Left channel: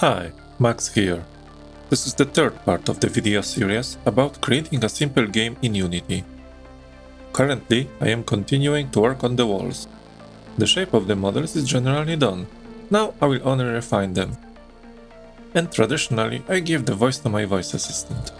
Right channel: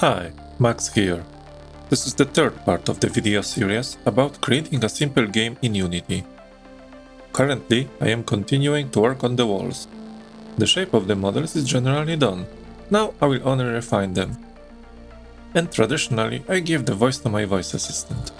Hi, Max here. This is the third part of the video series about creating a simple game in Unity. Currently, I am continuing to work on the walls. The shape of the models is generally done. Now I will only refine them. And traditionally, I give the voice to my voice assistant.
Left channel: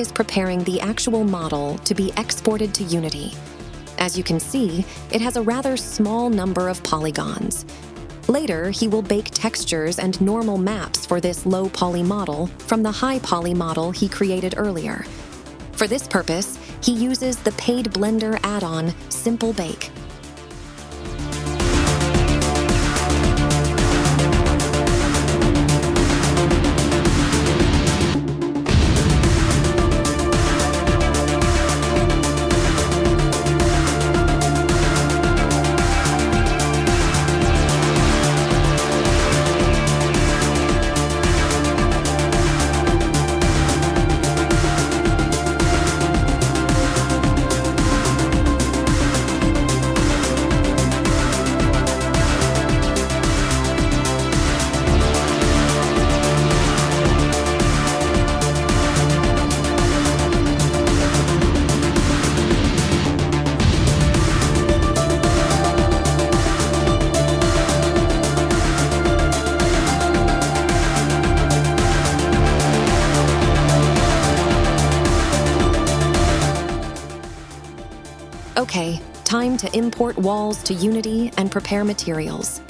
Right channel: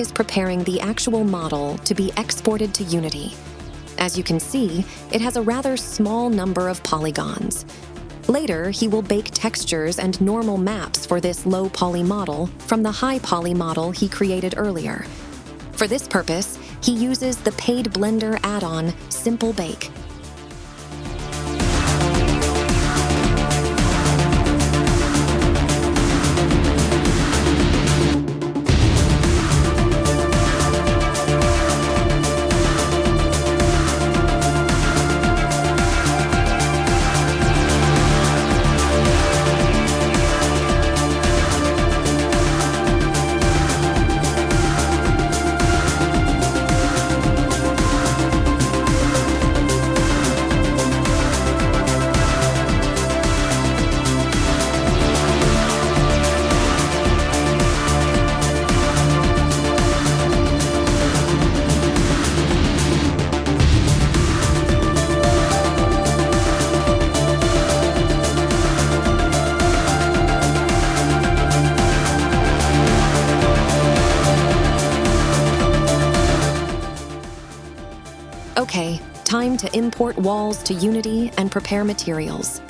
is preparing the actual model to be exported to Unity. As you can see, it has a rather small number of polygons. Later, he will bake textures and normal maps for this low-poly model from the high-poly model he created earlier. For this purpose, he uses the paid Blender add-on Simple Bake. Okay, time to import walls to Unity and prepare materials.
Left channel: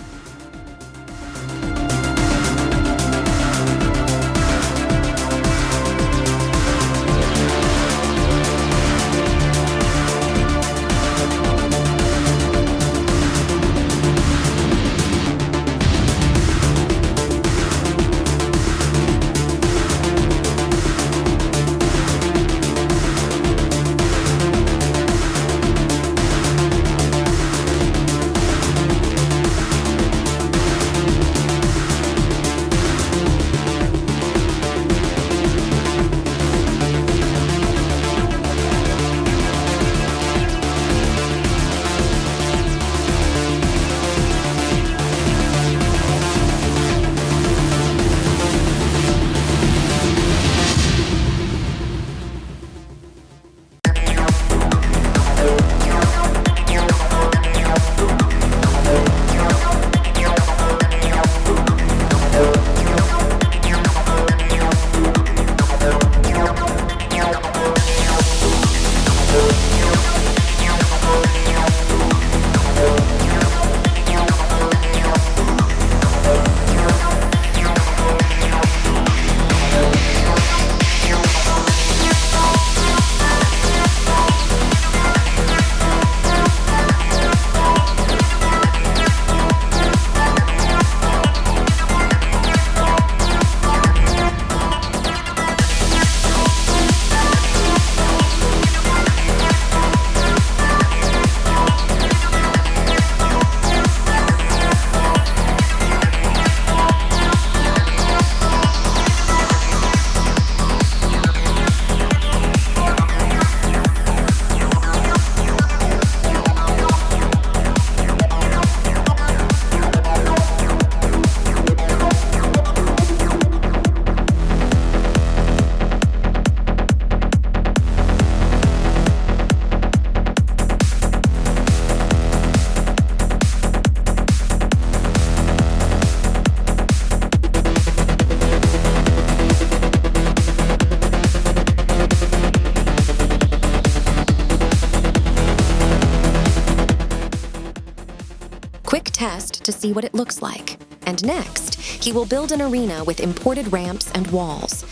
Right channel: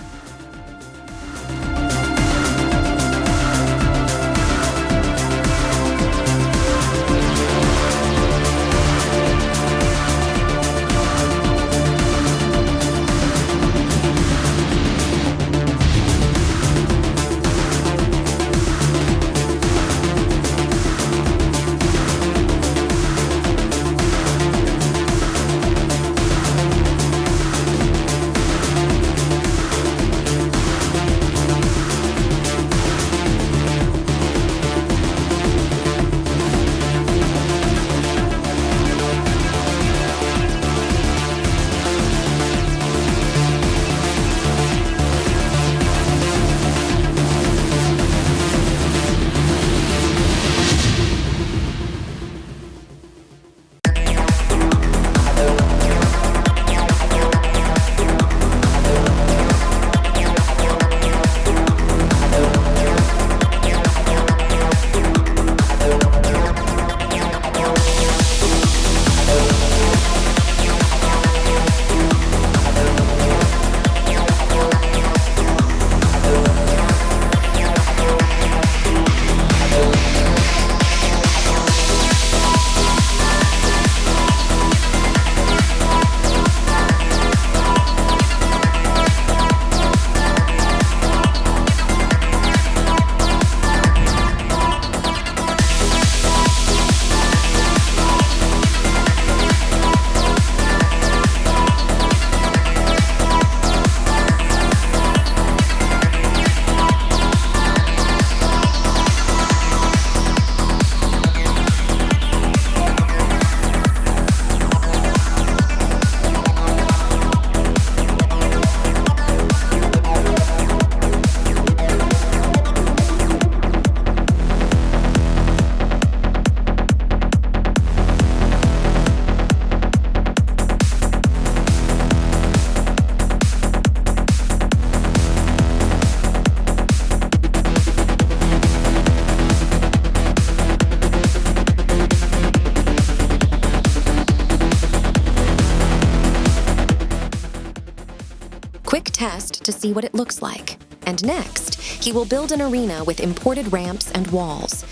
Quick test to see what it looks like. And next, he will build an arena with imported ramps and walls.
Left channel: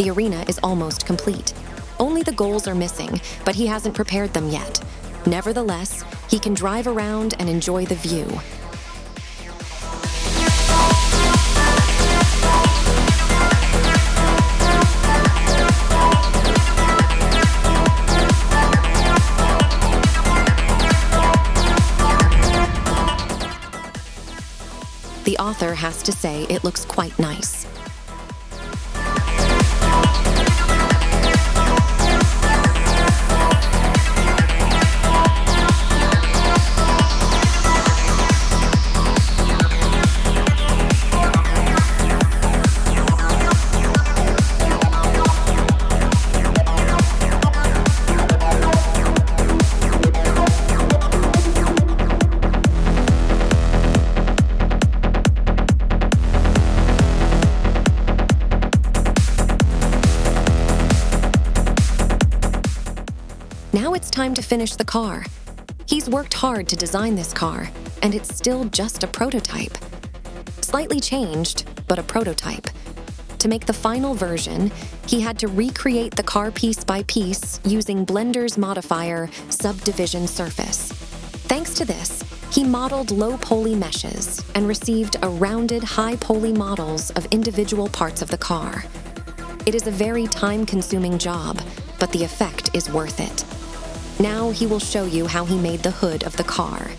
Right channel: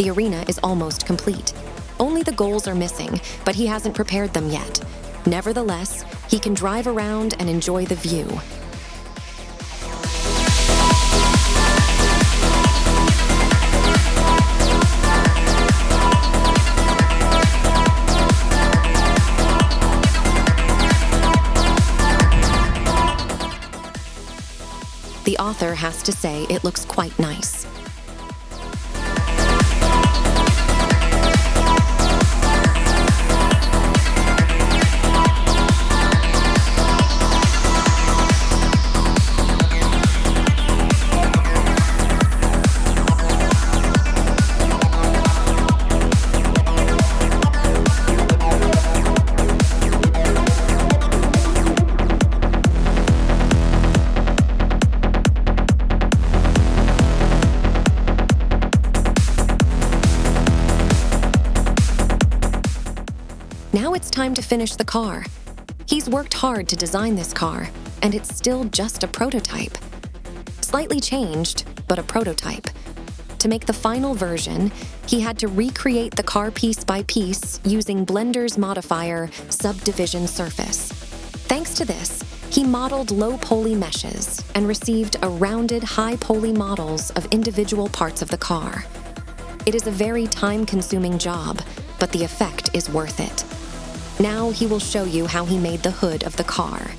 The arena is almost complete. Only the goals are missing, but he hasn't prepared them yet. Nevertheless, he can drive around and enjoy the view. The author has to say it looks quite nice. Now it's time to finish the car. He's worked hard to design this car, and it's still just a prototype. Slightly changed, but a prototype. To make the final version, he had to recreate the car piece by piece using Blender's modifier, Subdivision Surface. Thanks to this, he modeled low-poly meshes and received a rounded high-poly models of individual parts of the car. It is a very time-consuming job, but the effect is worth it. Now he will show you how he made the hood of the car.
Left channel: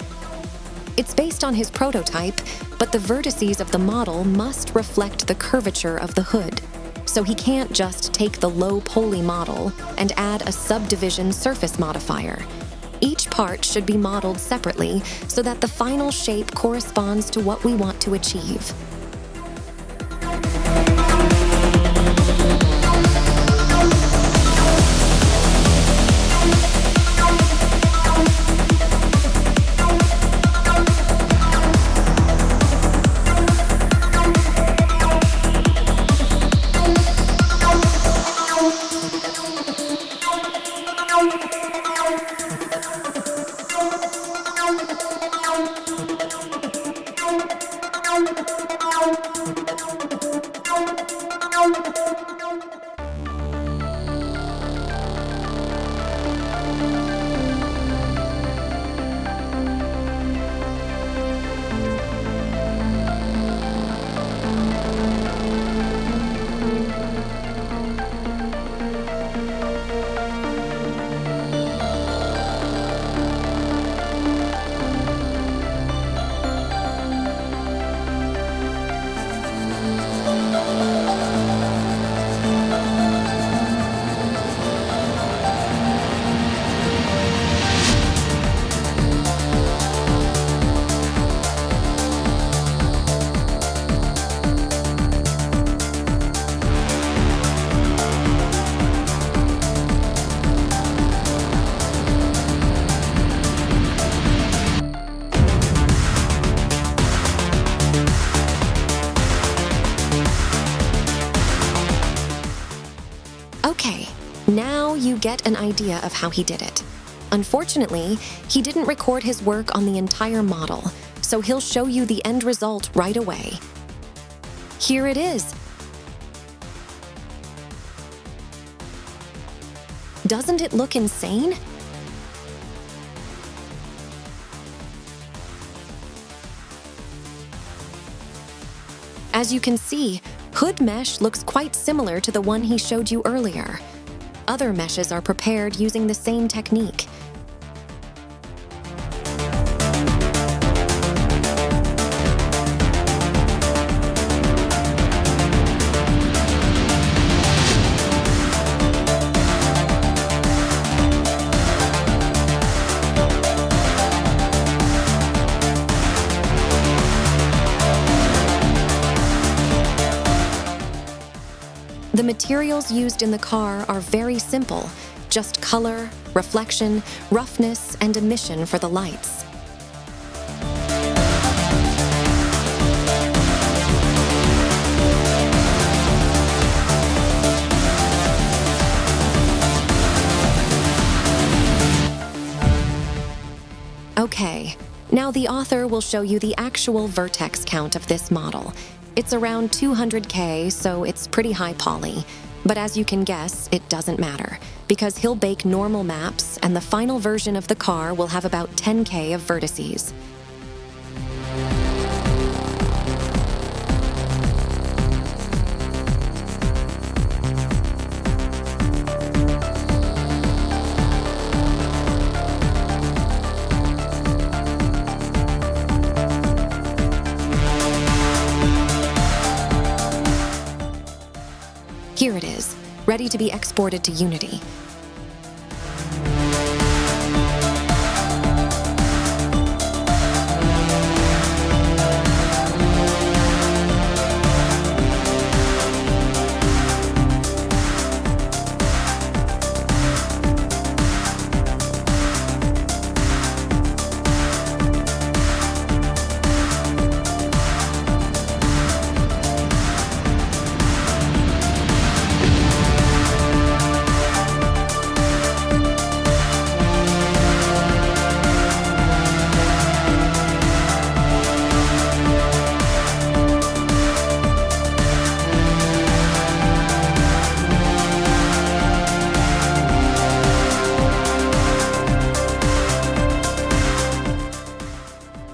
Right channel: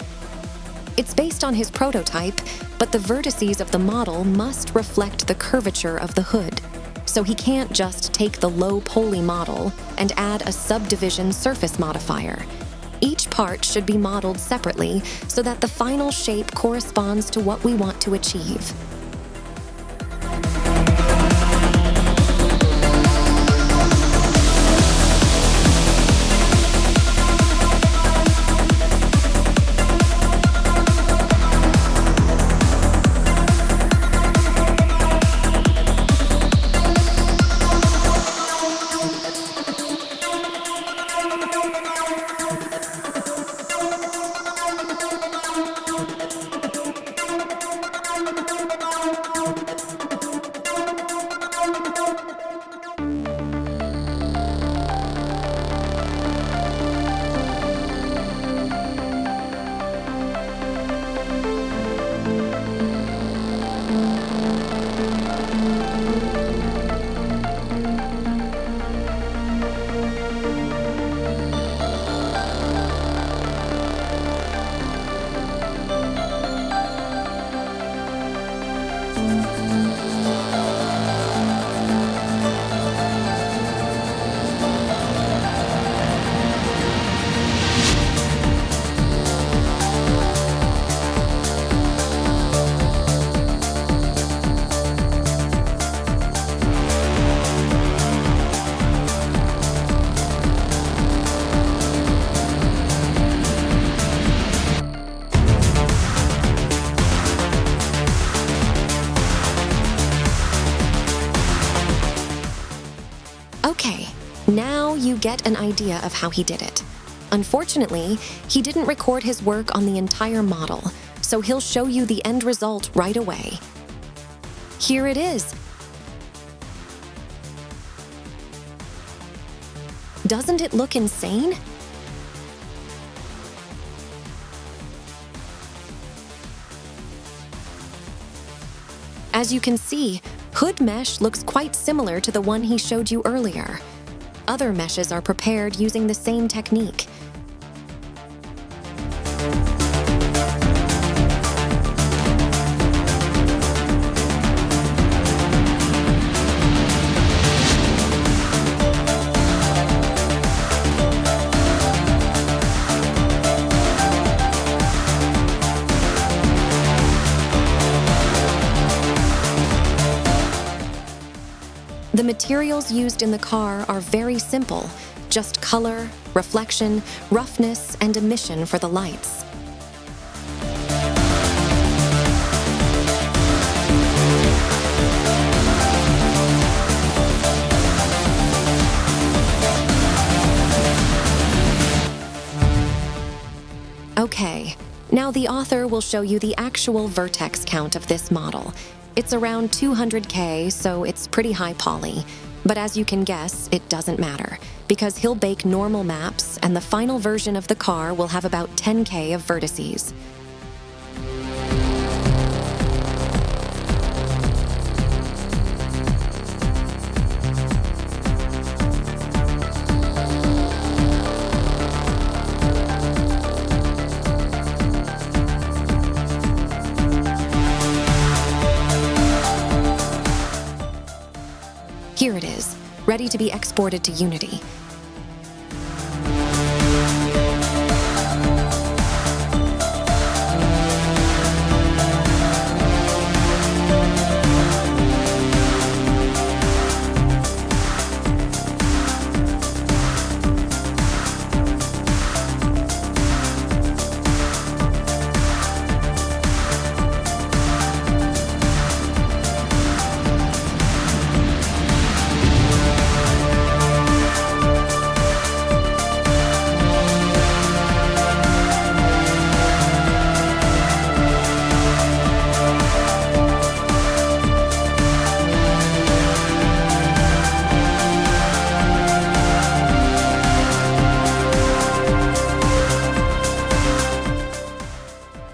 It's based on his prototype, but the vertices of the model must reflect the curvature of the hood. So he can't just take the low-poly model and add a subdivision surface modifier. Each part should be modeled separately so that the final shape corresponds to what we want to achieve. Okay, now you get an idea of how he did it. Unfortunately, he didn't record his work on the entire model, so he'll show you the end result right away. Here it is. Doesn't it look insane? As you can see, hood mesh looks quite similar to the one he showed you earlier. Other meshes are prepared using the same technique. The materials used in the car are very simple, just color, reflection, roughness, and emission for the lights. Okay, now the author will show you the actual vertex count of this model. It's around 200K, so it's pretty high poly. But as you can guess, it doesn't matter, because he'll bake normal maps, and the final version of the car will have about 10K of vertices. Here it is, ready to be exported to Unity.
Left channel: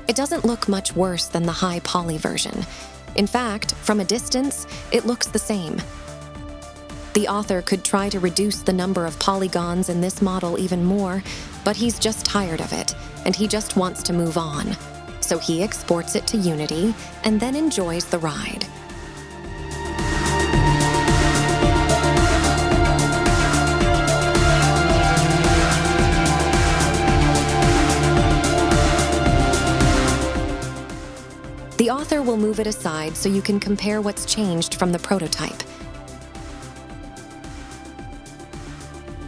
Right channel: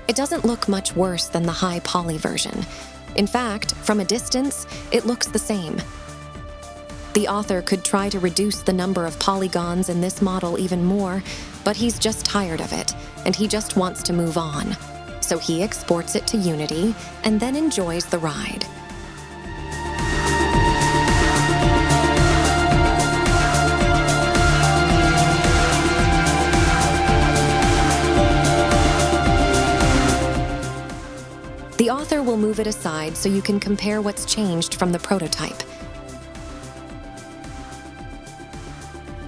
It doesn't look much worse than the high poly version. In fact, from a distance, it looks the same. The author could try to reduce the number of polygons in this model even more, but he's just tired of it, and he just wants to move on. So he exports it to Unity and then enjoys the ride. The author will move it aside so you can compare what's changed from the prototype.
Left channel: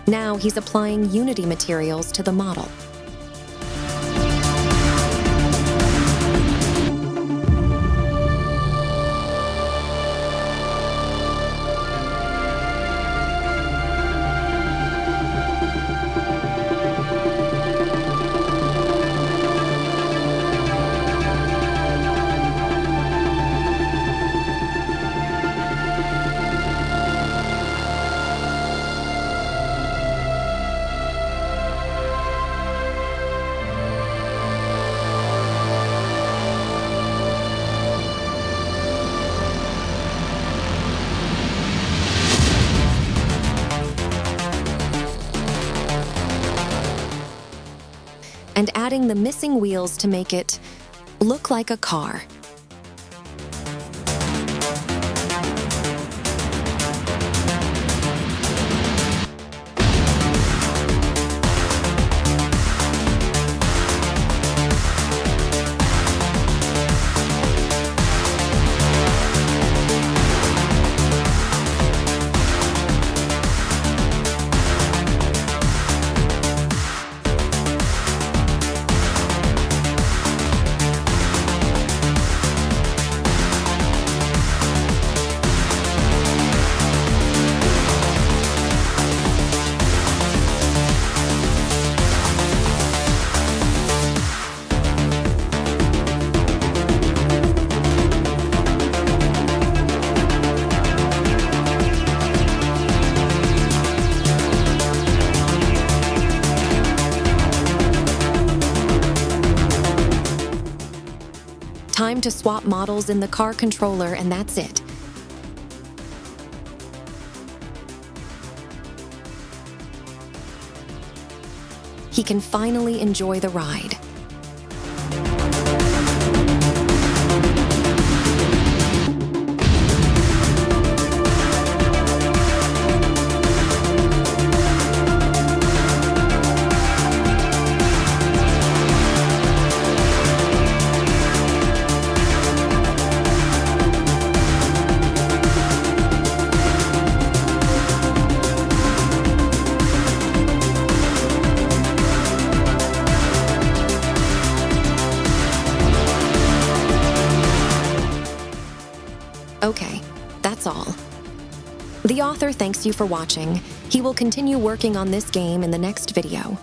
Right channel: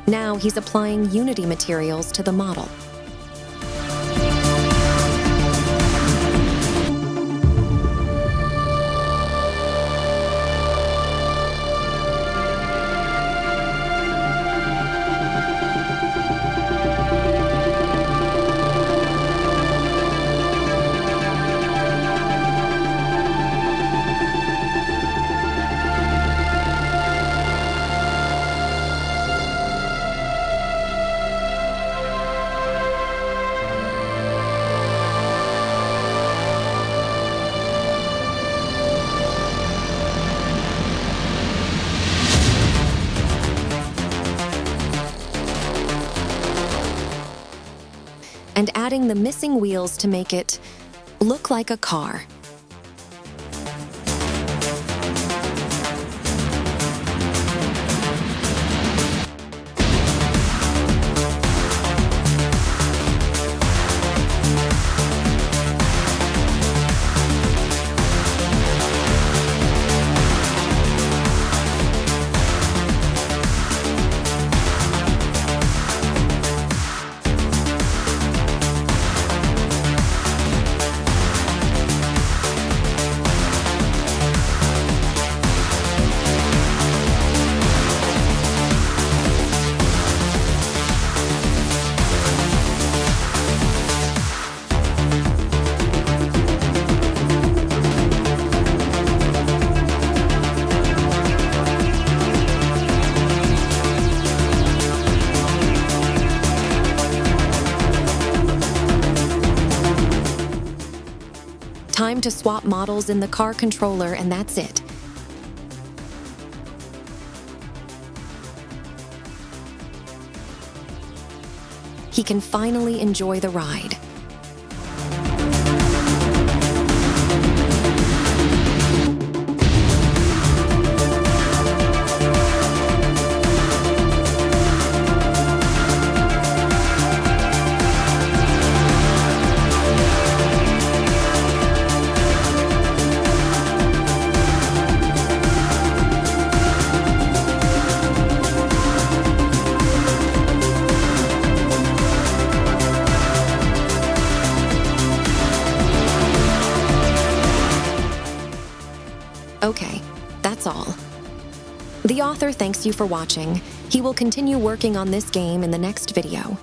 Now he's applying Unity materials to the model. And adding the missing wheels to make it look like a car. Time to swap models in the car controller, and that's it. He can finally enjoy the ride. Okay, that's all. The author thanks you for watching. He will continue working on this game in the next video.